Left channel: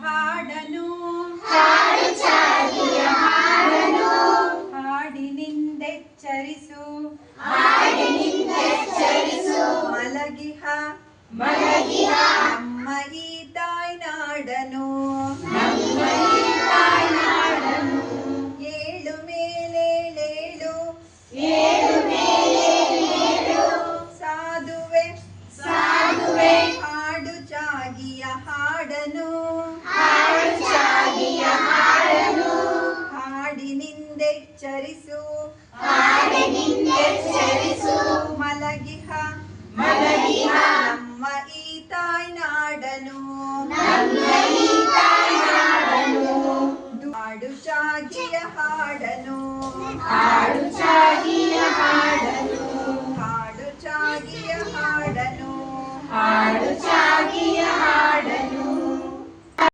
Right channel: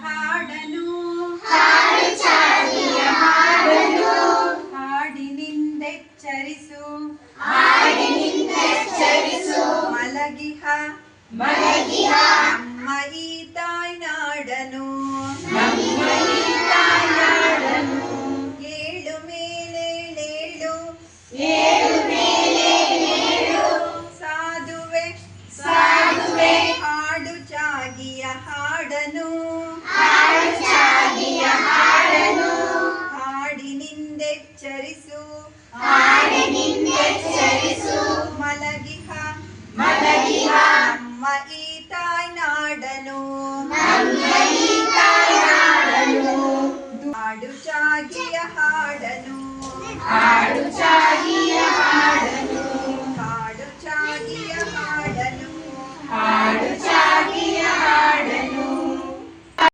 ಹಾಡನು ಹಾಡಿನಿಂದೆಚ್ಚರಿಸು ಮಲಗಿಹ ನಮ್ಮ ಈ ತಾಯ್ನಾಡನು ಏಳು ಮೇಲೇಳು ಸಾಧುವೆ ಹಾಡು ಚಾಗಿಯ ಹಾಡನು ಹಾಡಿನಿಂದೆಚ್ಚರಿಸು ಮಲಗಿಹ ನಮ್ಮ ಈ ತಾಯ್ನಾಡನು